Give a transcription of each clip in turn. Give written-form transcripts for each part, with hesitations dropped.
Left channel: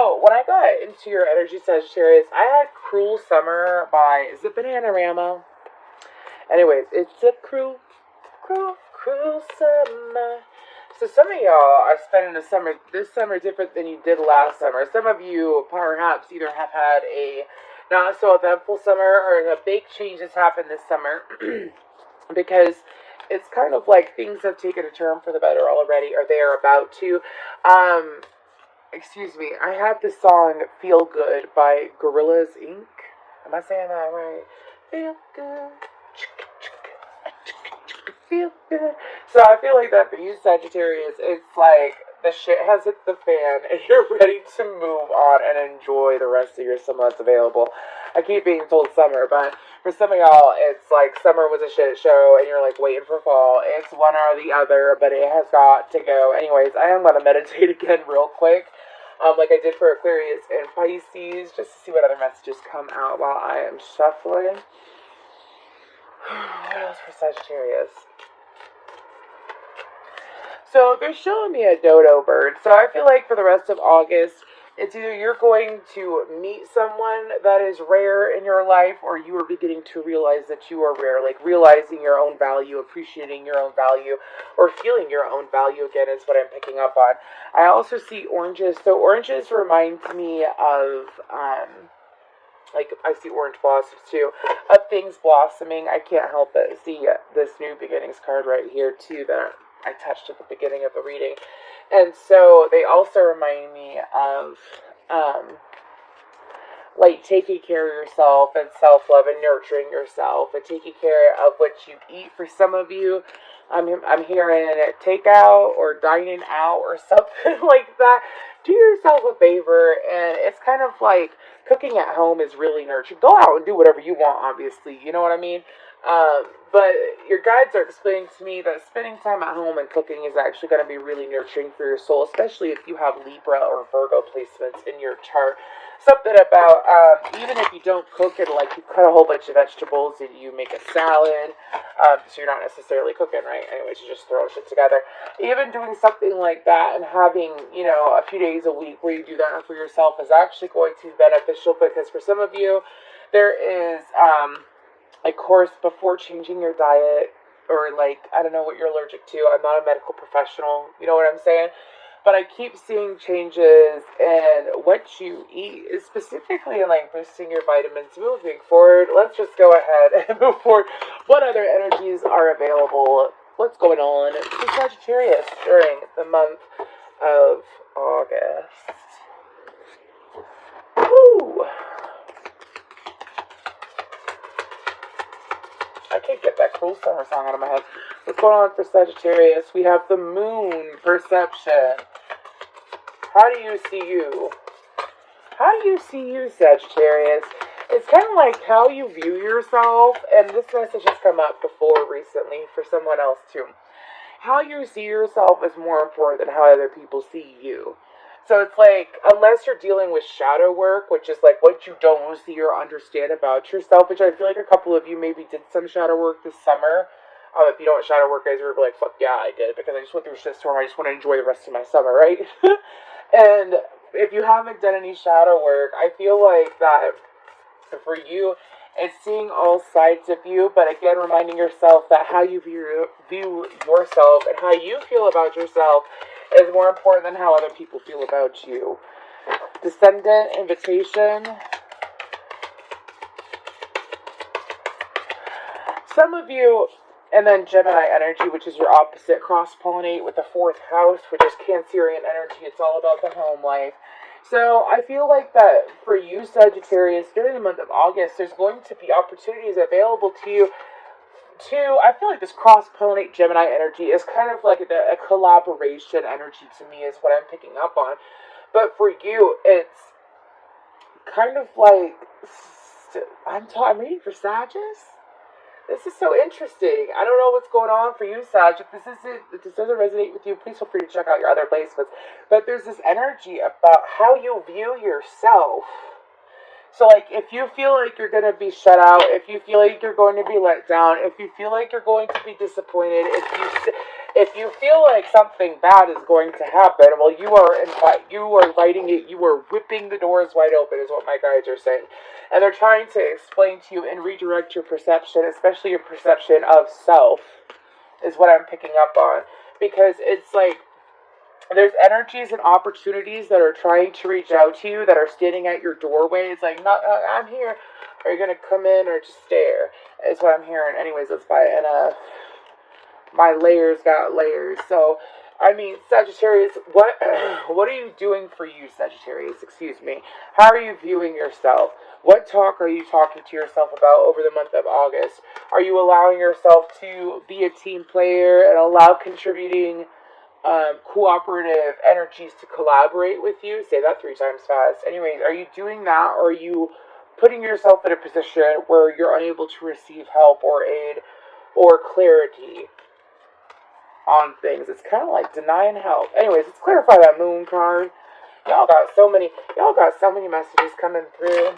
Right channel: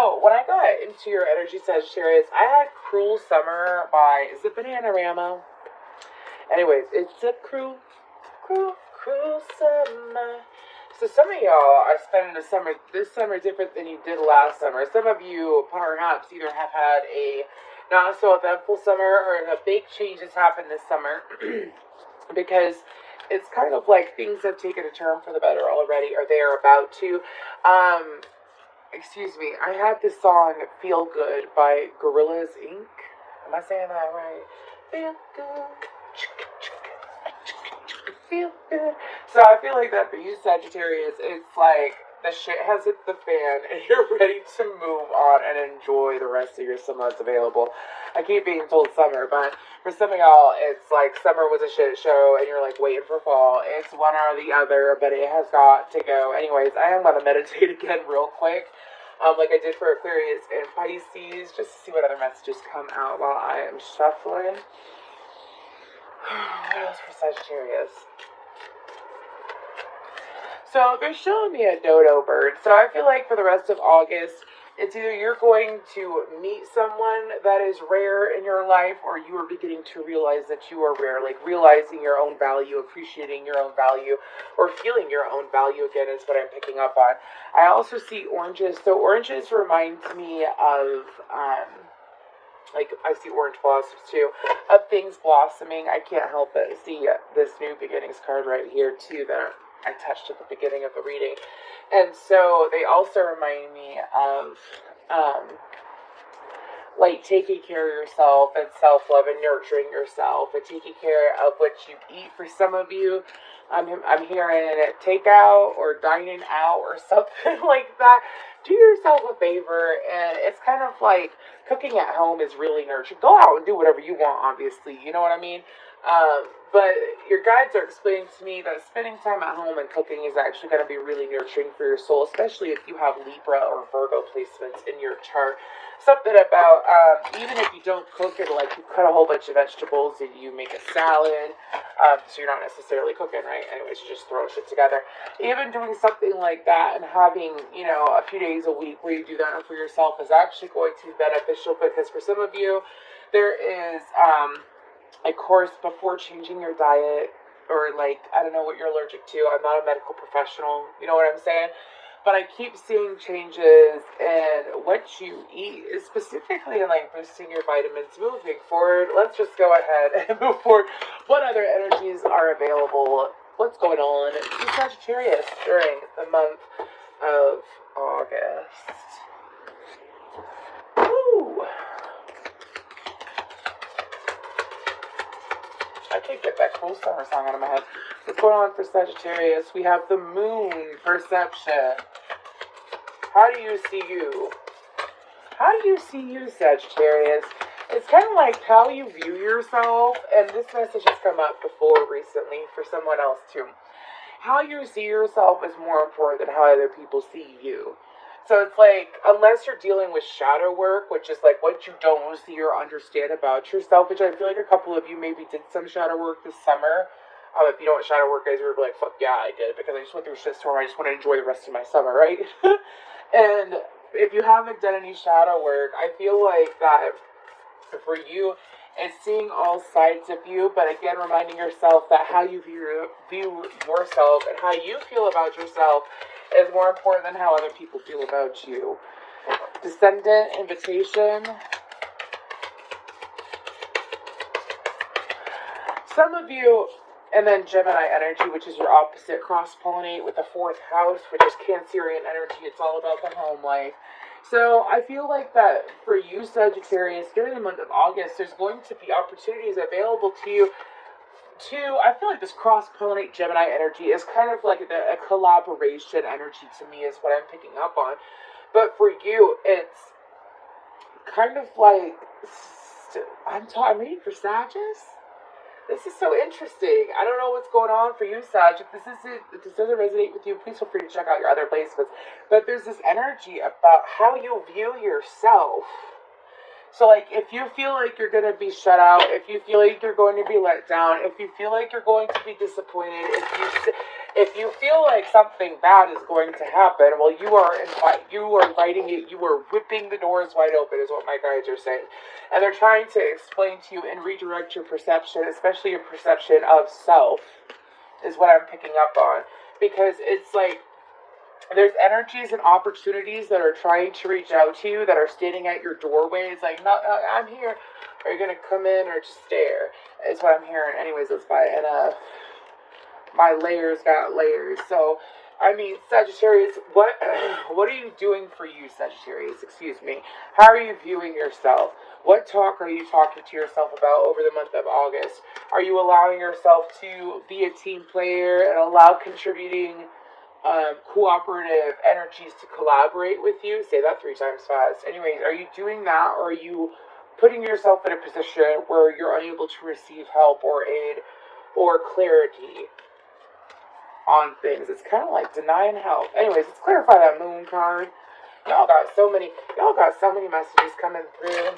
So, when I got into your energy Sagittarius, I had Cruel Summer by, is it Bananarama? Anyways, it's a cruel summer. So some of y'all are spending this summer different than you did last summer. Some of you perhaps either have had a not so eventful summer or a big change has happened this summer because it's kind of like things have taken a turn for the better already, or they are about to. Excuse me, I have the song Feel Good by Gorillaz Inc. Am I saying that right? Feel good. Feel good. So I feel like that for you Sagittarius, it's like the shit has hit the fan and you're ready to move on and enjoy the rest of your summer that's available. I keep being told summer, but for some of y'all, it's like summer was a shit show and you're like waiting for fall. It's one or the other, but it has got to go. Anyways, I am going to meditate again real quick. Like I did for Aquarius and Pisces, just to see what other messages come out while I am shuffling. What else for Sagittarius? So they're showing me a dodo bird. So I feel like for the rest of August, it's either you're going to meet someone that is rare in your life, or you are beginning to realize that you are rare. Like realizing your own value, appreciating your own value, or feeling your own value again is what I'm picking up on. I also see oranges. So oranges remind me of, like I see orange blossoms too, of things blossoming. I can't help but see this new beginnings card right here too that I touched at the beginning of the reading. And so they also remind me of like taking care of yourself and self-love and nurturing yourself and taking care of what you eat. For some of you, I'm hearing takeout or dining out or something like that. Do yourself a favor, and it's kind of like cooking at home is really nurturing. Go out and do whatever you want, obviously, you know what I mean? But your guides are explaining to me that spending time at home and cooking is actually going to be really nurturing for your soul, especially if you have Libra or Virgo placements in your chart. Something about, even if you don't cook it, like you cut a whole bunch of vegetables and you make a salad, so you're not necessarily cooking, right? Anyways, you just throw shit together. Even doing something like that and having, you know, a few days a week where you do that for yourself is actually going to be beneficial, because for some of you, there is, a course before changing your diet, or like, I don't know what you're allergic to. I'm not a medical professional, you know what I'm saying? But I keep seeing changes in what you eat, specifically in like boosting your vitamins. Moving forward, let's just go ahead and move forward. What other energies are available? What's going on in Sagittarius during the month of August? Woo! I can't get that cool summer song out of my head. What's going on for Sagittarius? We have the moon perception. How do you see you? How do you see you, Sagittarius? It's kind of like how you view yourself, and this message has come up before recently for someone else too. How you see yourself is more important than how other people see you. So it's like, unless you're dealing with shadow work, which is like what you don't see or understand about yourself, which I feel like a couple of you maybe did some shadow work this summer. If you know what shadow work is, you're like, fuck yeah, I did, because I just went through a shitstorm. I just want to enjoy the rest of my summer, right? And if you haven't done any shadow work, I feel like that for you, it's seeing all sides of you, but again, reminding yourself that how you view yourself and how you feel about yourself is more important than how other people feel about you. Descendant, invitation. Some of you, and then Gemini energy, which is your opposite, cross-pollinate with the 4th house, which is Cancerian energy. It's all about the home life. So I feel like that for you, Sagittarius, during the month of August, there's going to be opportunities available to you I feel like this cross-pollinate Gemini energy is kind of like a collaboration energy to me is what I'm picking up on. But for you, it's kind of like, I'm reading for Sagittarius? This is so interesting. I don't know what's going on for you, Sag. If this doesn't resonate with you, please feel free to check out your other placements. But there's this energy about how you view yourself So, like, if you feel like you're going to be shut out, if you feel like you're going to be let down, if you feel like you're going to be disappointed, if you feel like something bad is going to happen, well, you are inviting it. You are whipping the doors wide open, is what my guides are saying, and they're trying to explain to you and redirect your perception, especially your perception of self, is what I'm picking up on, because it's like, there's energies and opportunities that are trying to reach out to you, that are standing at your doorways, like, no, I'm here. Are you going to come in or just stare? Is what I'm hearing. Anyways, that's why. And my layers got layers. So, I mean, Sagittarius, what are you doing for you, Sagittarius? Excuse me. How are you viewing yourself? What talk are you talking to yourself about over the month of August? Are you allowing yourself to be a team player and allow contributing cooperative energies to collaborate with you? Say that 3 times fast. Anyways, are you doing that, or are you putting yourself in a position where you're unable to receive help or aid or clarity on things? It's kind of like denying help. Anyways, let's clarify that moon card. Y'all got so many messages coming through.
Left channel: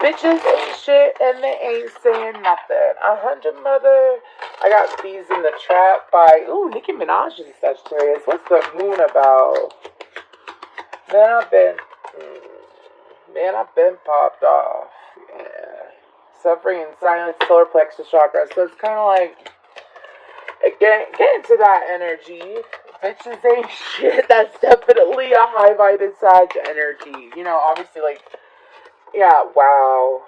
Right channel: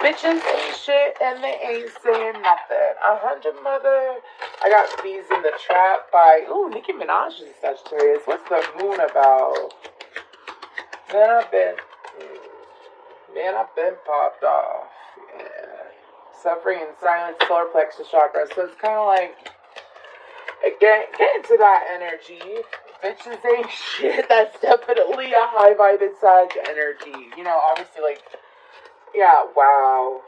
Bitches ain't shit and they ain't saying nothing. 100 mother. I got Bees in the Trap by Nicki Minaj is Sagittarius. What's the moon about? Man, I've been popped off. Yeah. Suffering in silence, solar plexus chakra. So it's kind of like, again, get into that energy. Bitches ain't shit. That's definitely a high vibed Sag energy. You know, obviously, like, yeah, wow.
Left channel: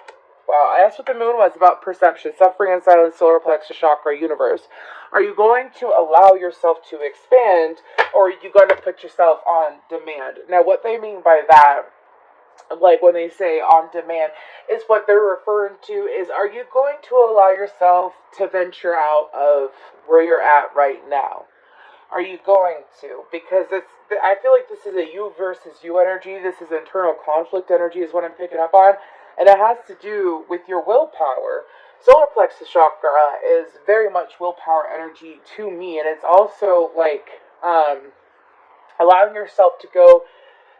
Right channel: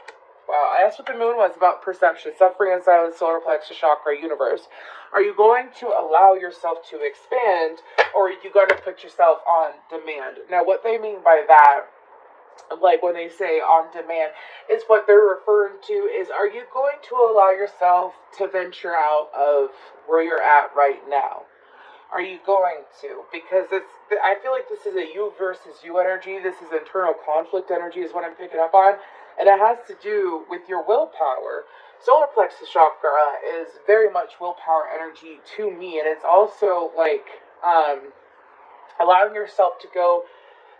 Wow, that's what the moon was about: perception, suffering in silence, solar plexus chakra, universe. Are you going to allow yourself to expand, or are you going to put yourself on demand? Now, what they mean by that, like when they say on demand, is what they're referring to is, are you going to allow yourself to venture out of where you're at right now? Are you going to? Because I feel like this is a you versus you energy. This is internal conflict energy is what I'm picking up on. And it has to do with your willpower. Solar plexus chakra is very much willpower energy to me. And it's also like allowing yourself to go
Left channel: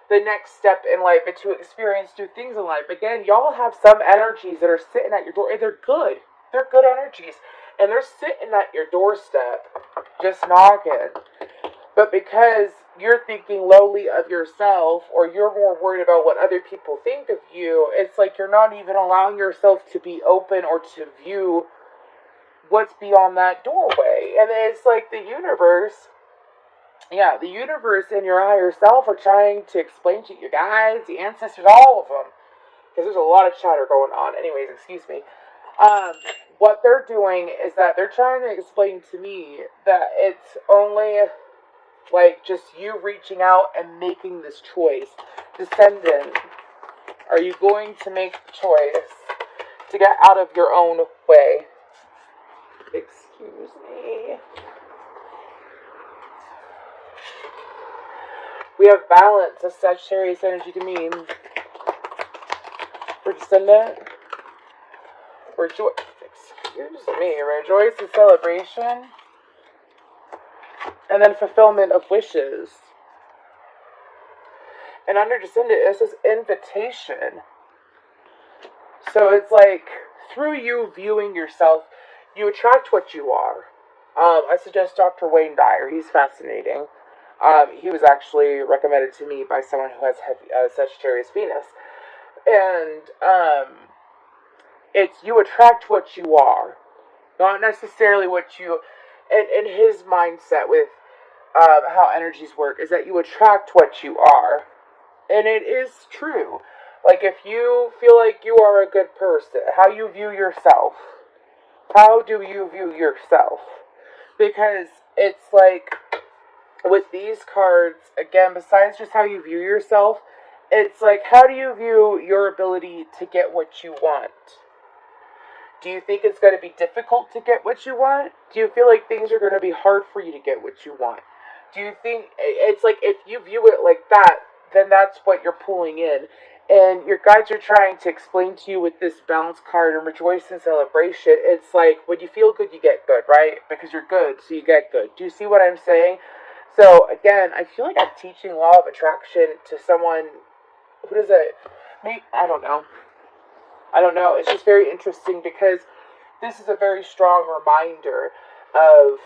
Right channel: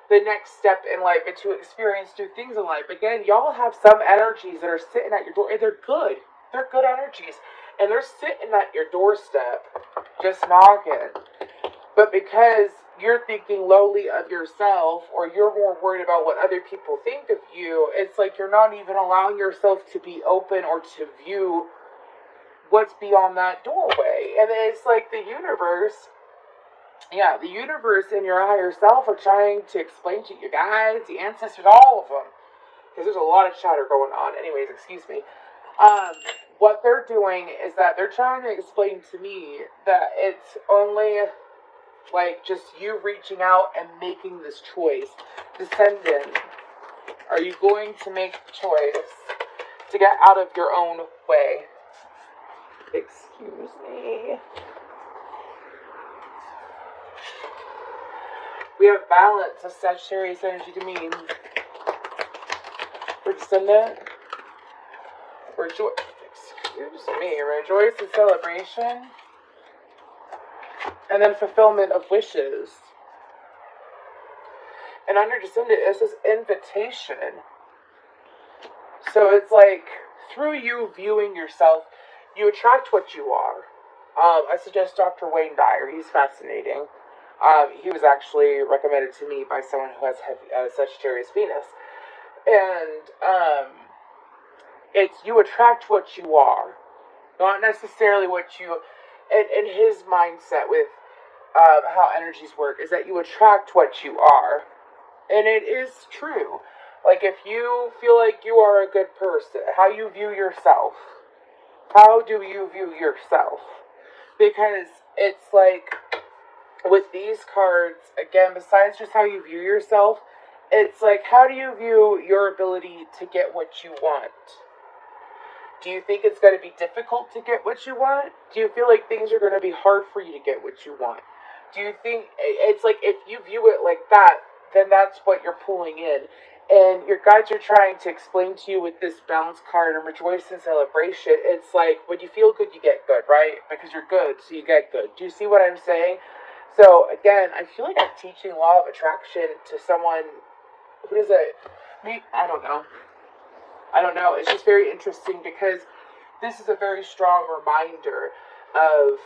the next step in life and to experience new things in life. Again, y'all have some energies that are sitting at your door, and they're good. They're good energies. And they're sitting at your doorstep, just knocking. But because you're thinking lowly of yourself, or you're more worried about what other people think of you, it's like you're not even allowing yourself to be open or to view what's beyond that doorway. And it's like the universe and your higher self are trying to explain to you guys, the ancestors, all of them, because there's a lot of chatter going on. Anyways, excuse me. What they're doing is that they're trying to explain to me that it's only like just you reaching out and making this choice. Descendant, are you going to make the choice to get out of your own way? Excuse me. We have balance of Sagittarius energy to me. For Descendant, rejoice in celebration, and then fulfillment of wishes. And under Descendant, it says invitation. So it's like, through you viewing yourself, you attract what you are. I suggest Dr. Wayne Dyer. He's fascinating. He was actually recommended to me by someone who has Sagittarius Venus. And it's you attract what you are, not necessarily what you. And his mindset with how energies work is that you attract what you are, and it is true. Like, if you feel like you are a good person, how you view yourself. How do you view yourself? Because it's like, with these cards, again, besides just how you view yourself, it's like, how do you view your ability to get what you want? Do you think it's going to be difficult to get what you want? Do you feel like things are going to be hard for you to get what you want? Do you think, it's like, if you view it like that, then that's what you're pulling in. And your guides are trying to explain to you with this balance card and rejoice in celebration. It's like, when you feel good, you get good, right? Because you're good, so you get good. Do you see what I'm saying? So, again, I feel like I'm teaching law of attraction to someone who does it? Maybe, I don't know. I don't know. It's just very interesting because this is a very strong reminder of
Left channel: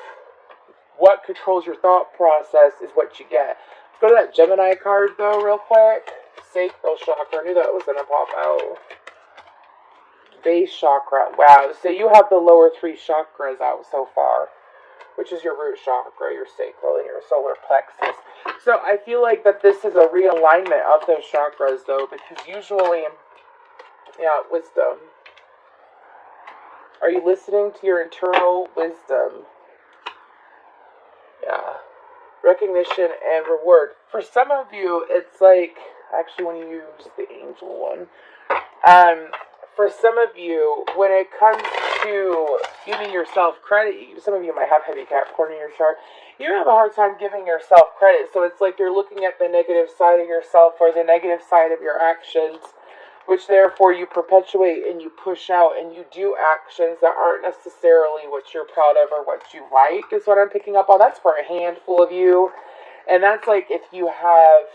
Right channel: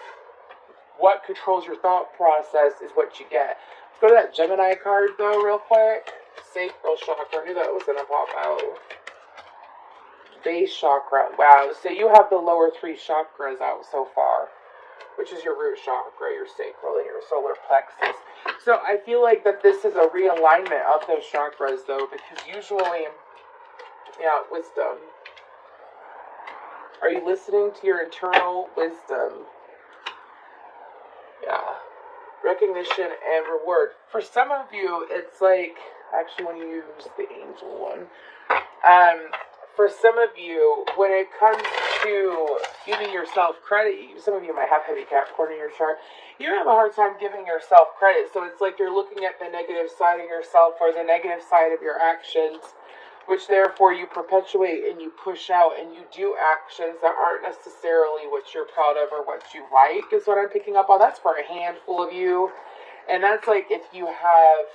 what controls your thought process is what you get. Let's go to that Gemini card, though, real quick. Sacral chakra. I knew that was going to pop out. Base chakra. Wow. So you have the lower 3 chakras out so far, which is your root chakra, your sacral, and your solar plexus. So I feel like that this is a realignment of those chakras, though, because usually, yeah, wisdom. Are you listening to your internal wisdom? Yeah. Recognition and reward. For some of you, it's like, I actually want to use the angel one. For some of you, when it comes to giving yourself credit, some of you might have heavy Capricorn in your chart, you have a hard time giving yourself credit. So it's like you're looking at the negative side of yourself or the negative side of your actions, which therefore you perpetuate and you push out and you do actions that aren't necessarily what you're proud of or what you like, is what I'm picking up on. That's for a handful of you. And that's like if you have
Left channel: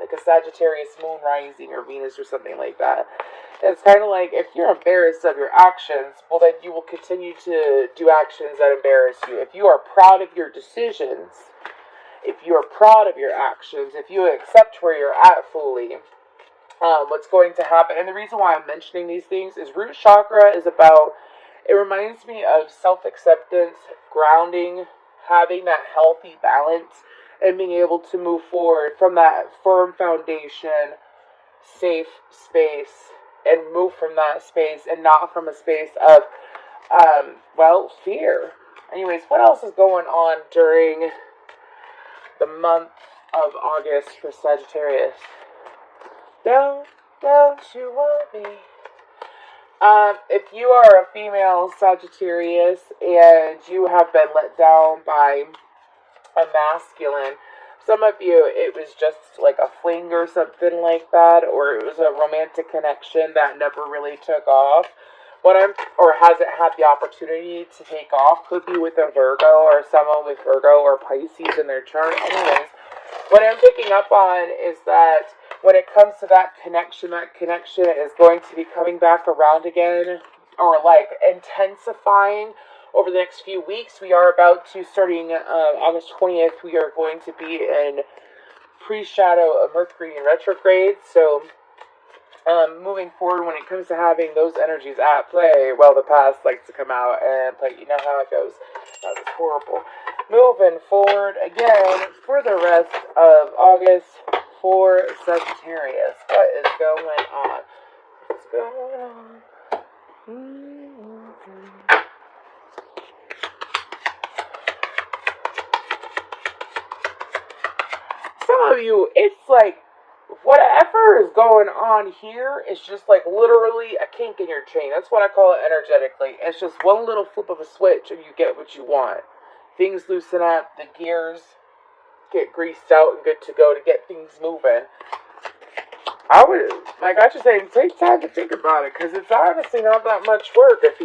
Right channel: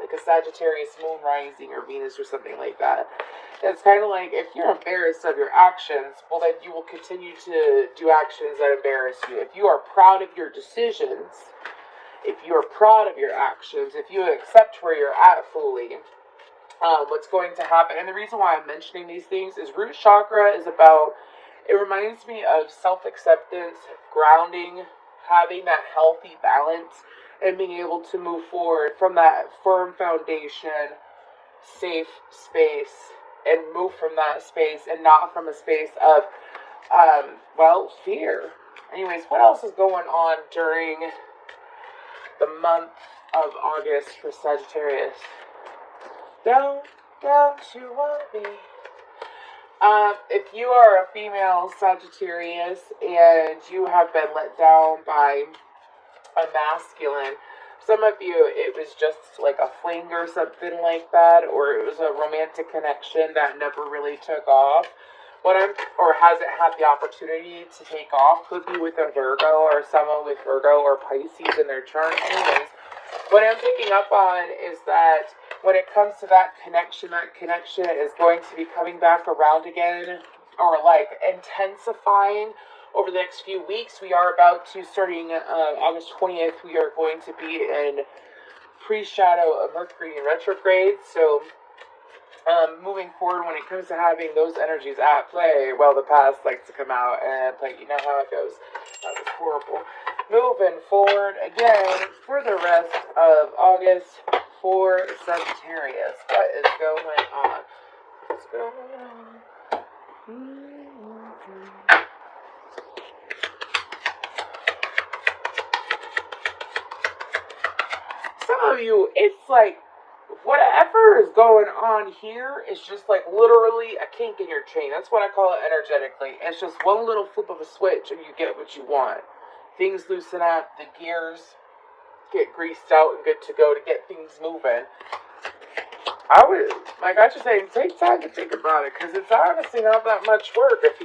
like a Sagittarius moon rising or Venus or something like that. It's kind of like if you're embarrassed of your actions, well then you will continue to do actions that embarrass you. If you are proud of your decisions, if you are proud of your actions, if you accept where you're at fully, what's going to happen, and the reason why I'm mentioning these things is root chakra is about, it reminds me of self-acceptance, grounding, having that healthy balance, and being able to move forward from that firm foundation, safe space, and move from that space and not from a space of, fear. Anyways, what else is going on during the month of August for Sagittarius? Don't you want me? If you are a female Sagittarius and you have been let down by a masculine, some of you, it was just like a fling or something like that, or it was a romantic connection that never really took off. Or hasn't had the opportunity to take off. Could be with a Virgo or someone with Virgo or Pisces in their chart. Anyways, what I'm picking up on is that when it comes to that connection is going to be coming back around again, or like intensifying over the next few weeks. We are about to, starting August 20th, we are going to be in pre-shadow of Mercury in retrograde. So moving forward, when it comes to having those energies at play, well, the past likes to come out and play. You know how it goes. That was horrible. Moving forward again for the rest of August for Sagittarius. What is going on? What's going on? Some of you, it's like whatever is going on here is just like literally a kink in your chain. That's what I call it energetically. It's just one little flip of a switch and you get what you want. Things loosen up, the gears get greased out and good to go to get things moving. I just say, take time to think about it, because it's honestly not that much work if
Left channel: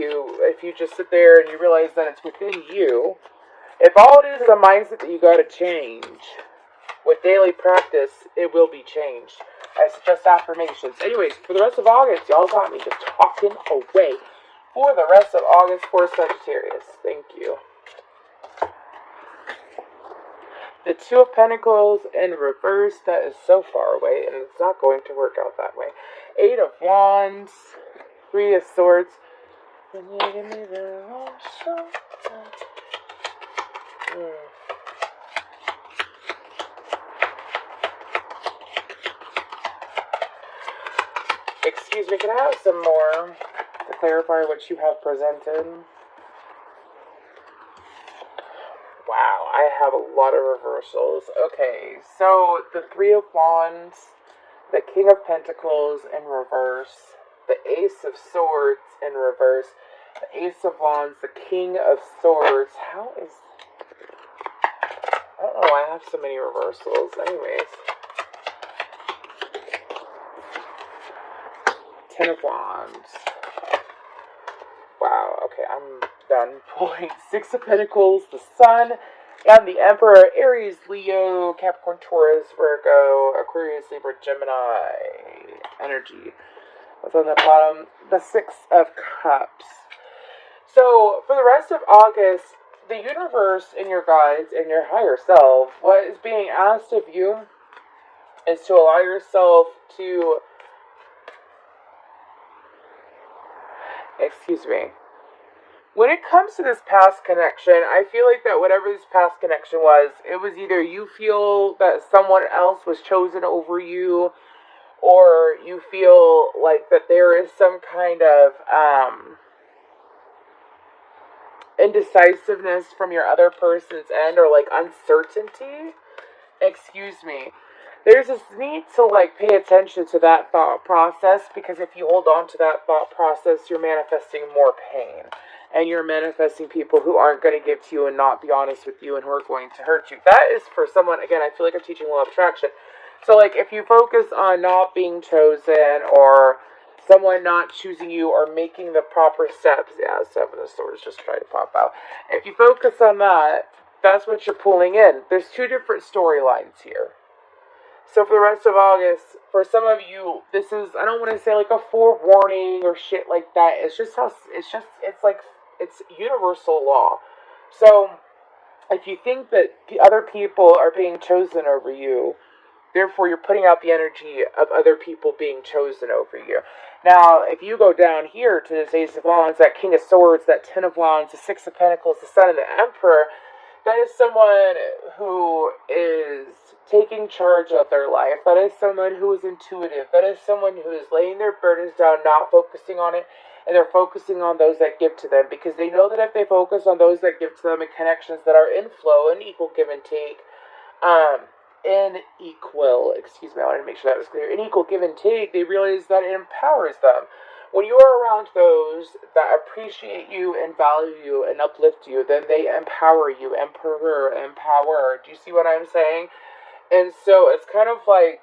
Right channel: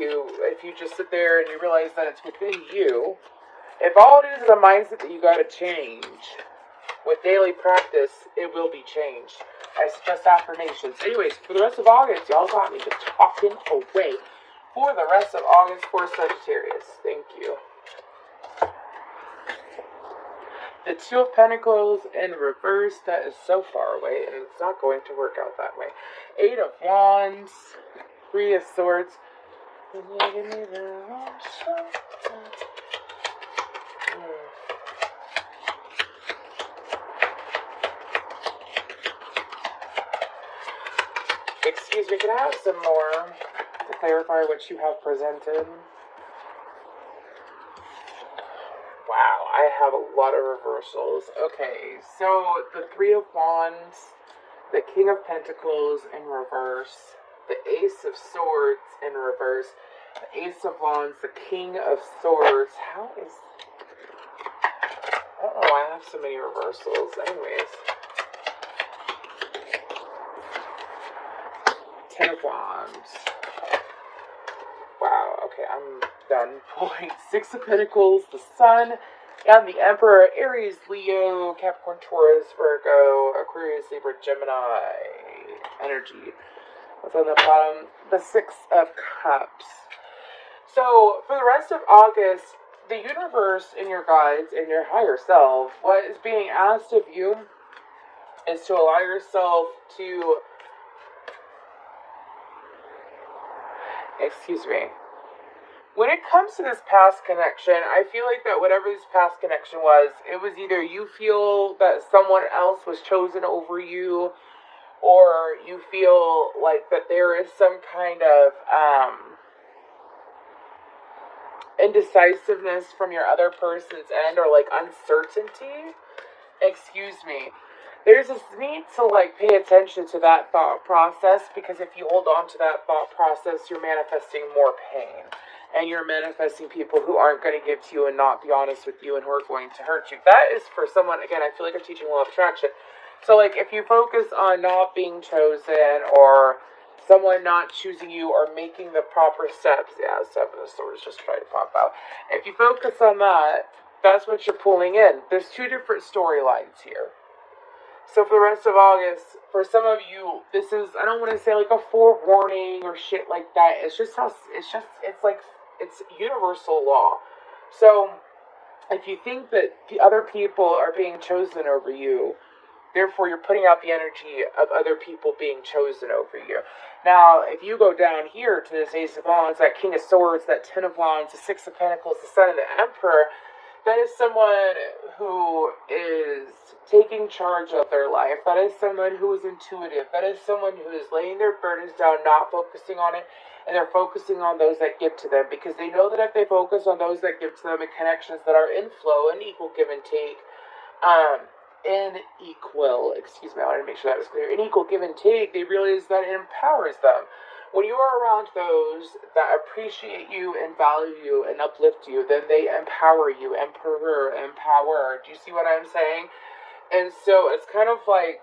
you just sit there and you realize that it's within you. If all it is a mindset that you got to change, with daily practice, it will be changed. I suggest affirmations. Anyways, for the rest of August, y'all got me just talking away. For the rest of August for Sagittarius. Thank you. The Two of Pentacles in reverse, that is so far away, and it's not going to work out that way. Eight of Wands, Three of Swords. Excuse me, can I have some more to clarify what you have presented? Wow, I have a lot of reversals. Okay, so the Three of Wands, the King of Pentacles in reverse, the Ace of Swords in reverse, the Ace of Wands, the King of Swords. How is... I don't know why I have so many reversals. Anyways. Ten of Wands. Wow, okay, I'm done pulling. Six of Pentacles, the Sun, And the Emperor, Aries, Leo, Capricorn, Taurus, Virgo, Aquarius, Libra, Gemini energy. What's on the bottom? The Six of Cups. So, for the rest of August, the universe and your guides and your higher self, what is being asked of you is to allow yourself to, excuse me, when it comes to this past connection, I feel like that whatever this past connection was, it was either you feel that someone else was chosen over you, or you feel like that there is some kind of indecisiveness from your other person's end, or like uncertainty. Excuse me. There's this need to like pay attention to that thought process, because if you hold on to that thought process, you're manifesting more pain. And you're manifesting people who aren't going to give to you and not be honest with you, and who are going to hurt you. That is for someone, again, I feel like I'm teaching law of attraction. So like if you focus on not being chosen, or someone not choosing you, or making the proper steps, yeah, Seven of Swords just trying to pop out. If you focus on that, that's what you're pulling in. There's two different storylines here. So for the rest of August, for some of you, this is, I don't want to say like a forewarning or shit like that. It's just how, it's universal law. So if you think that the other people are being chosen over you, therefore you're putting out the energy of other people being chosen over you. Now, if you go down here to the Ace of Wands, that King of Swords, that Ten of Wands, the Six of Pentacles, the Sun, and the Emperor, that is someone who is taking charge of their life. That is someone who is intuitive. That is someone who is laying their burdens down, not focusing on it, and they're focusing on those that give to them, because they know that if they focus on those that give to them and connections that are in flow and equal give and take, excuse me, I wanted to make sure that was clear, in equal give and take, they realize that it empowers them. When you are around those that appreciate you and value you and uplift you, then they empower you. Emperor, empower. Do you see what I'm saying? And so it's kind of like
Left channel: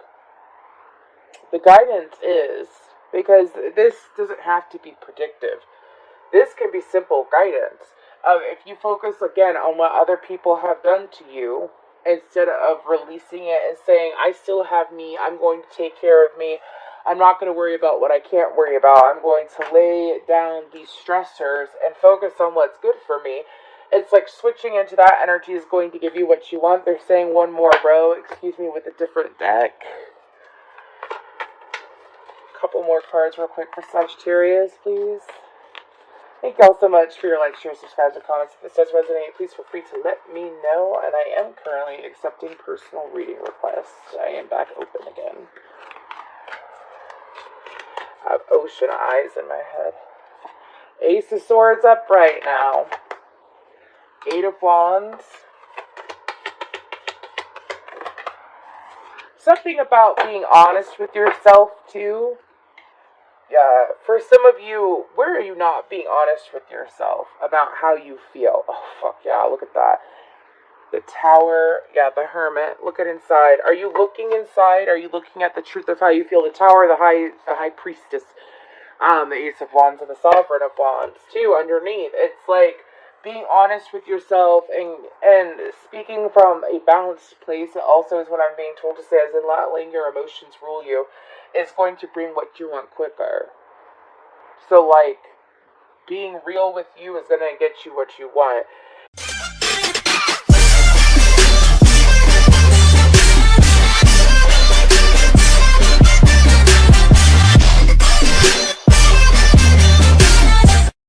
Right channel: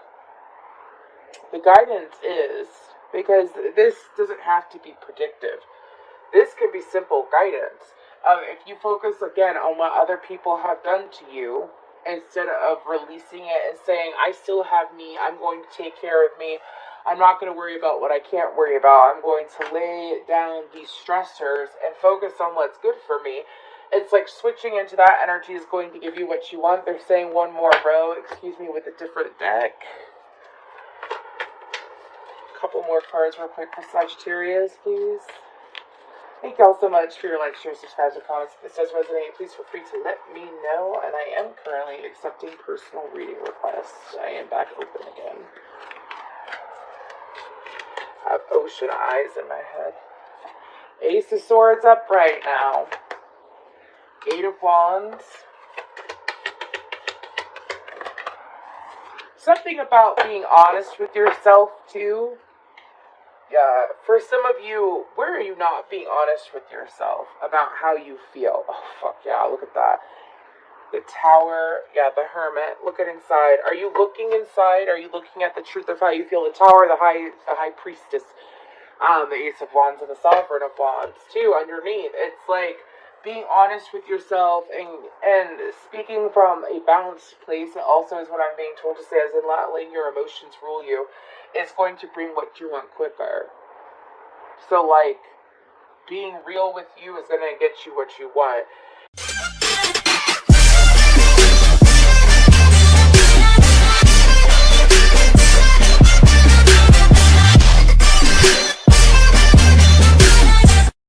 the guidance is, because this doesn't have to be predictive. This can be simple guidance. If you focus again on what other people have done to you, instead of releasing it and saying, I still have me, I'm going to take care of me, I'm not going to worry about what I can't worry about, I'm going to lay down these stressors and focus on what's good for me. It's like switching into that energy is going to give you what you want. They're saying one more row, excuse me, with a different deck. A couple more cards real quick for Sagittarius, please. Thank you all so much for your likes, shares, subscribes, and comments. If this does resonate, please feel free to let me know. And I am currently accepting personal reading requests. I am back open again. I have ocean eyes in my head. Ace of Swords upright now. Eight of Wands. Something about being honest with yourself, too. For some of you, where are you not being honest with yourself about how you feel? Oh, fuck yeah, look at that. The Tower, yeah, the Hermit. Look at inside. Are you looking inside? Are you looking at the truth of how you feel? The Tower, the High Priestess, the Ace of Wands, and the Sovereign of Wands, too, underneath. It's like being honest with yourself and speaking from a balanced place. It also is what I'm being told to say, as in not letting your emotions rule you. It's going to bring what you want quicker. So, like, being real with you is going to get you what you want.